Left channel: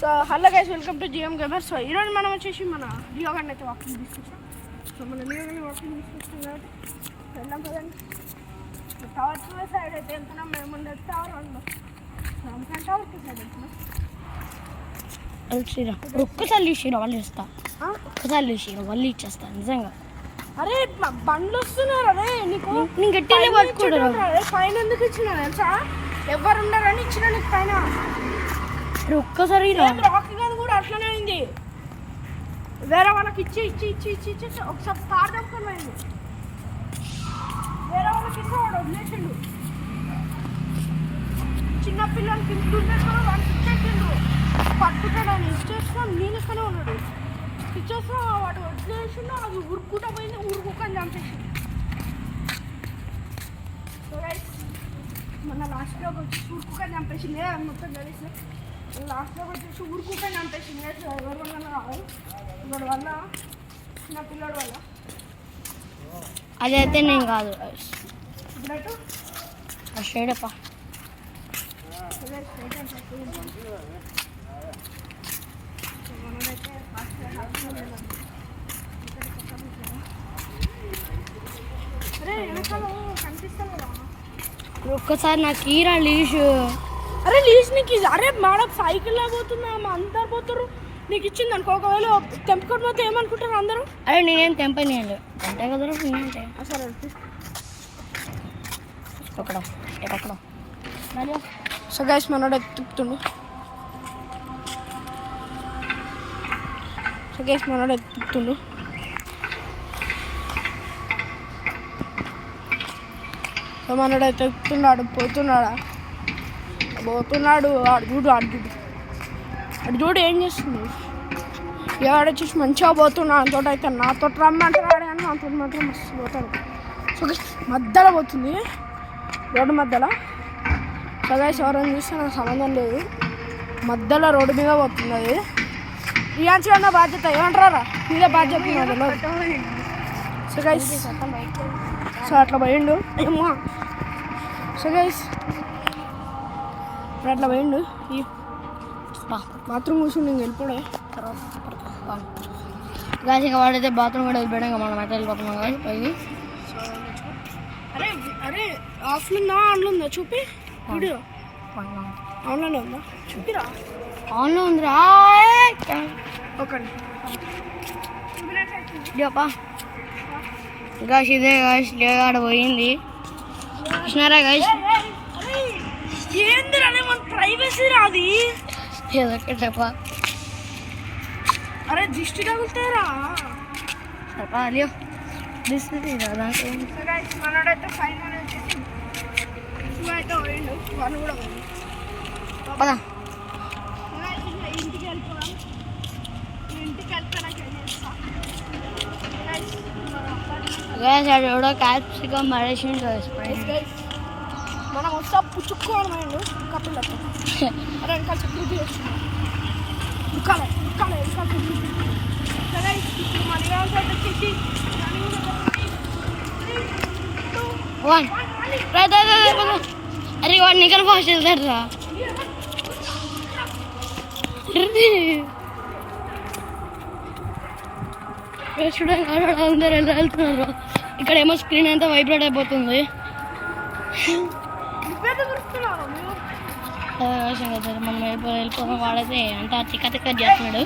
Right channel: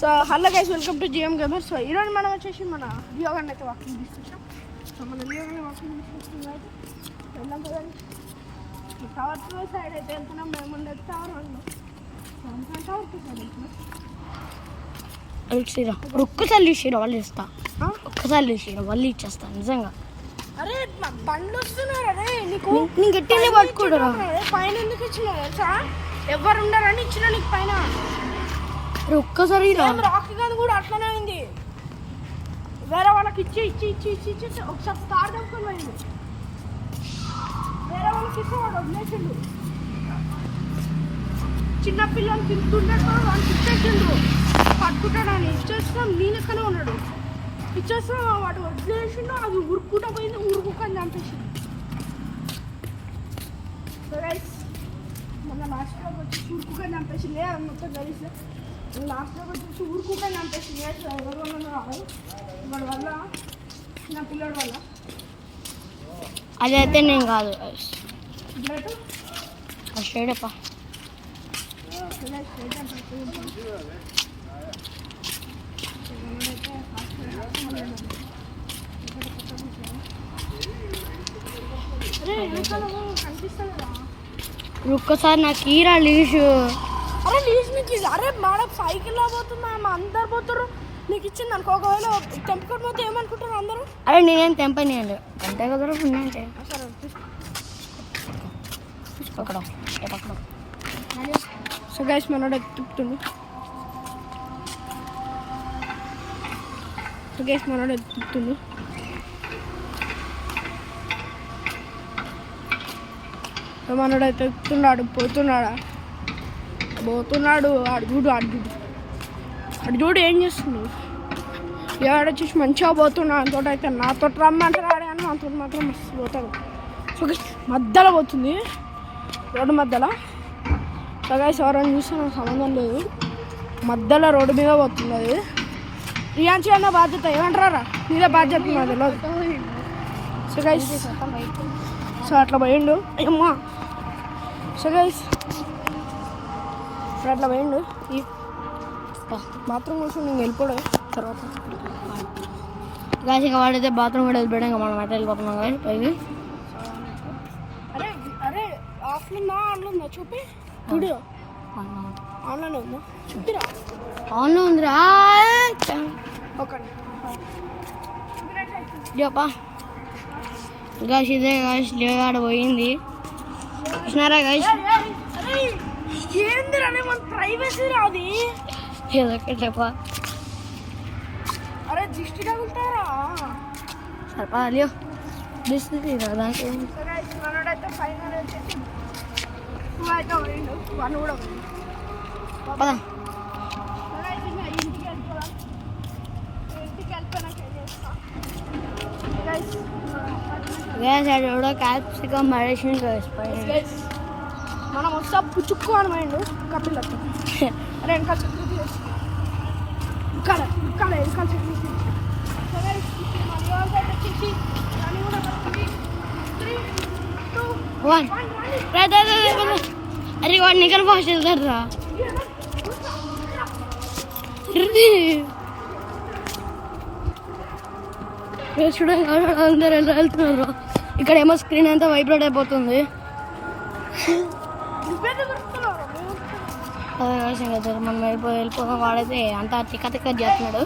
So hello guys, welcome to GM gamer. So ఈరోజు మనం వచ్చేసి మన లియో గారిని అయితే వాకింగ్ తీసుకొచ్చాం. సో మన లియో గారిని వాకింగ్ తీసుకొచ్చాం కాబట్టి వెళ్దాం కదండి. టవర్ 2 సైడ్ అయితే వెళ్తున్నాం. మేము ఉండేది టవర్ 1లో. సో అందుకని టవర్ 2 సైడ్ వెళ్తున్నాం. ఒక్కసారి చూసి వాళ్ళు ఇస్తా, ఒక్కసారి చూసి వాళ్ళు ఇచ్చేస్తా నిజంగా. అరే బండ్లు వస్తున్నారు. అరే నీకు నేను గట్టిగా పట్టుకుంటారా? పైన ఎందుకు ఇచ్చినా తెలుసా? ఎవరు ఉండరని ఇచ్చిన నీకు పైన. ఒక్కసారి రాకీ గది కూడా అట్లనే అయింది. వేరే వాళ్ళకి ఇచ్చి ఇచ్చి ఇచ్చి ఇచ్చి ఇచ్చి ఒకసారి తాడు దొరుకుని పోయింది. వేరే వాళ్ళకి ఇస్తే వాడు వదిలేసిండు. చిన్నపిల్లలు తింటుంటారు, వాళ్ళకి ఇచ్చేసిండు. పట్టుకుంటాడని ఇచ్చేస్తాం. నేను ఎక్కడే ఉన్నాడు. ఇచ్చేస్తాం, వాడు వదిలేసిండు. అది ఉరుక్కుంటా పోయింది. ఉరుకుని చంపేసింది. మన లాస్ట్లో వచ్చి ఉరుకుని చంపేసింది. మొత్తం కలిసి లాస్ట్లో వచ్చేసి ఊరుకుని చంపేసింది. ఎవరి వల్ల రావాలి, వాడి వల్ల, నా పిల్లడి వల్ల. అదైతే నేను కాదు బ్లడ్ స్ట్రైట్ అప్ప. మనమైతే ఫాస్ట్ అరే వెనకాల కనిపిస్తుంది కదా. ఒక్కసారి నాకు ఈరా లీజ్. అరే లీజ్ నీకు అరే మేడం సైకిల్లో పోతున్నాం, అందరు పోతారు. నీకు ఇచ్చింది అనుకో, ఒకవేళ తెంపుకొని పోతే ఏమనుకుంటారు అందరూ? అరే నేనేం తెంపనియాలి అంతే కదా. అంటే పక్కడం పక్కడం. సో గైస్ మనోడు ఎత్తుతుండు. సో గైస్ మనోడు ఎత్తుతుండు. సో మనోడు అయితే ఎత్తున్నాడు. పోతున్నాడా? పోతున్నాడు. ఆడు చూడు ఏం చేస్తుంది. ఎవడొచ్చేసి మంచిగా పోతున్నా అంతో అయితే నాతో రమ్మంటారు. అని నాతో మాత్రం మస్తు పోతాడు. సో మధ్యలో పోతుంది, రోడ్డు మధ్యలో. సో గైస్ ఎవరైనా చూస్తే నాకు సంబంధం లేదు. మధ్యలో రోడ్డు మీద పోతుంది అది. ఇయాన్సి అన్న బాధ్యత ఏమంటారా? మీదే బాధ్యత తెలియదు. సో గైస్ సో అట్లా పోయిండు. అమ్మా సో గైస్ అట్లా పోయిండు. ఈ బాత్రూమ్ కూర్చొని నేను వెళ్ళిపోడే తర్వాత గాసి ఇంకా వాడైతే బాత్రూమ్ కూడా వెళ్ళిపోయాం. మనం అయితే వెళ్ళిపోతున్నాం కానీ పైకి. అరే అరే ఆఫ్లో ఉందా ఆన్లో ఉందా చూపి. వీడియో ఆన్లోనే ఉందా చూపిరా? ఆన్లో ఉందిరా. చెప్పా గాసి ఇదే గాసి లేగాడ పోయింది. కృష్ణారా గాసి ఏందిరా మన ప్రైవసీ రాది. చెప్పా అరే దిష్టి తగులుతారా? సరపా అలియో దిస్తుంది కదా. మనోడైతే ఫైనల్ వచ్చేసి 2 అయితే పోయిండు. 1 కూడా పోయిండు. పదా ఇంటికి వెళ్ళిపోవాలి. ఇంటికి వెళ్తానకి ఎవడో క్యాప్సికం మరేసి మనం వస్తా పుచ్చుకోని పోయిండు కప్పులకి. అరే ఇంకా చెప్పి ఇక్కడ సరే ఇప్పుడు మన సైడ్ వచ్చేసి రన్నింగ్ కూడా 3, 2, 1 అరే వాడు నికల్ ఫాస్ట్ వెళ్తాడు రా. చూడండి అందరు ఎలా వెళ్తున్నారు. ఇక్కడ ఏమో స్క్రీన్ అంతా వైబ్రేట్ అయిపోతుంది. మనం వెళ్ళిపోదాం. వాడైతే అంతా తిక్క తిక్క చేస్తున్నాడు.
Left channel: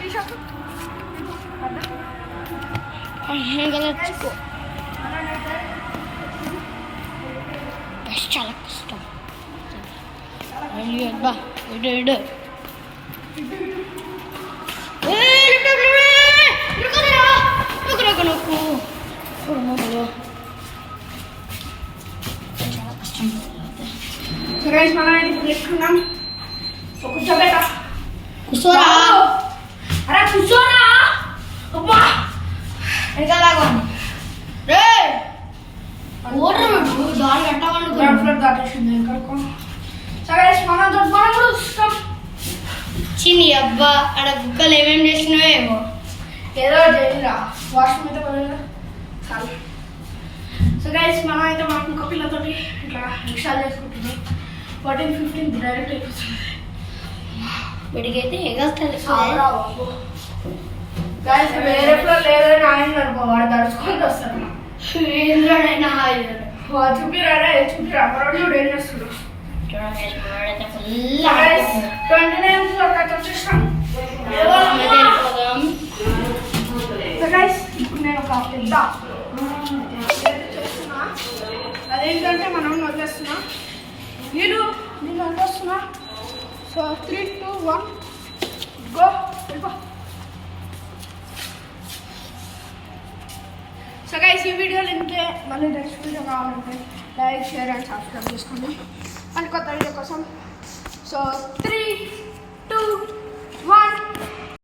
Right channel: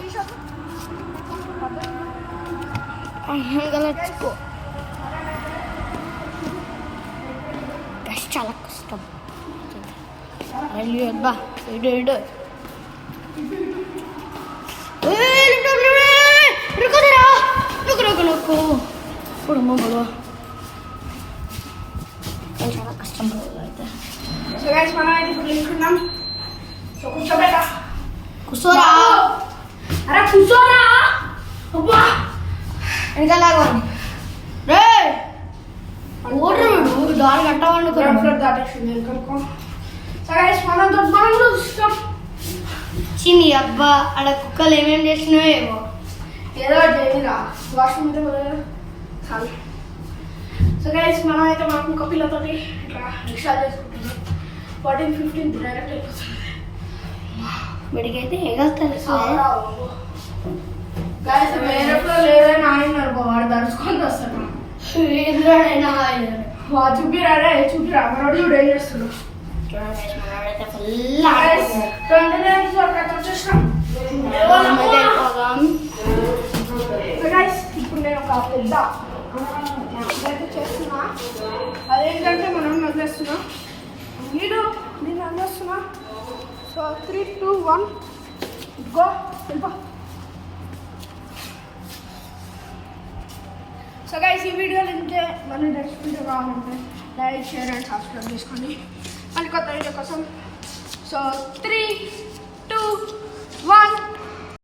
చాలా కష్టం. బా ఇడు నొక్కు ఇప్పుడు మొబైల్ చాలా కష్టం. కూర్చోరా. అరే కూర్చోరా. ఇంకాలాగా రే ఓటర్ దారి కట్టవాళ్ళు దాటేసింది. చిన్ని అబ్బా ఆడ కుక్కలు ఏమేమి చేసినావో ఏమో. ఏదో చేయరా వాష్రూమ్ అయితే చాలు. సో గైస్ మనం అయితే మనకు ఇంకో పిల్లతోటి ఇట్లా రిక్షాలు చేసుకుంటున్నాం. 14, 15 డైరెక్ట్ అయిపోతుంది. వీడికైతే ఎగస్టాలి గాయస్ వేరే ఫ్లోర్ లేదని ఆయన అనుకో వాడు దడుచుకొని వస్తాడు ఇంద్రుడైనా చూపిరాడా చూపిరా మనోడు చూడు ఏం చేస్తున్నాడు చూడండి మనోడైతే ఫుల్ 29 ఫ్లోర్ దాకా వచ్చేసాం వెళ్ళిపోదాం. సో గైస్ ఇప్పుడు నేను ఒక పెద్ద చేస్తున్నా అదేంటంటే మనం వదిలేస్తున్నా నేను వదిలేస్తున్నా సో 3, 2, 1 గో వెళ్ళిపో. సో గైస్ ఈ వీడియోలు ఇంతే. మళ్ళీ నెక్స్ట్ వీడియో కావాలంటే లైక్ షేర్ అండ్ సబ్స్క్రైబ్ చేసుకోండి మళ్ళీ కొత్త వీడియో కోసం. సో 3, 2, 1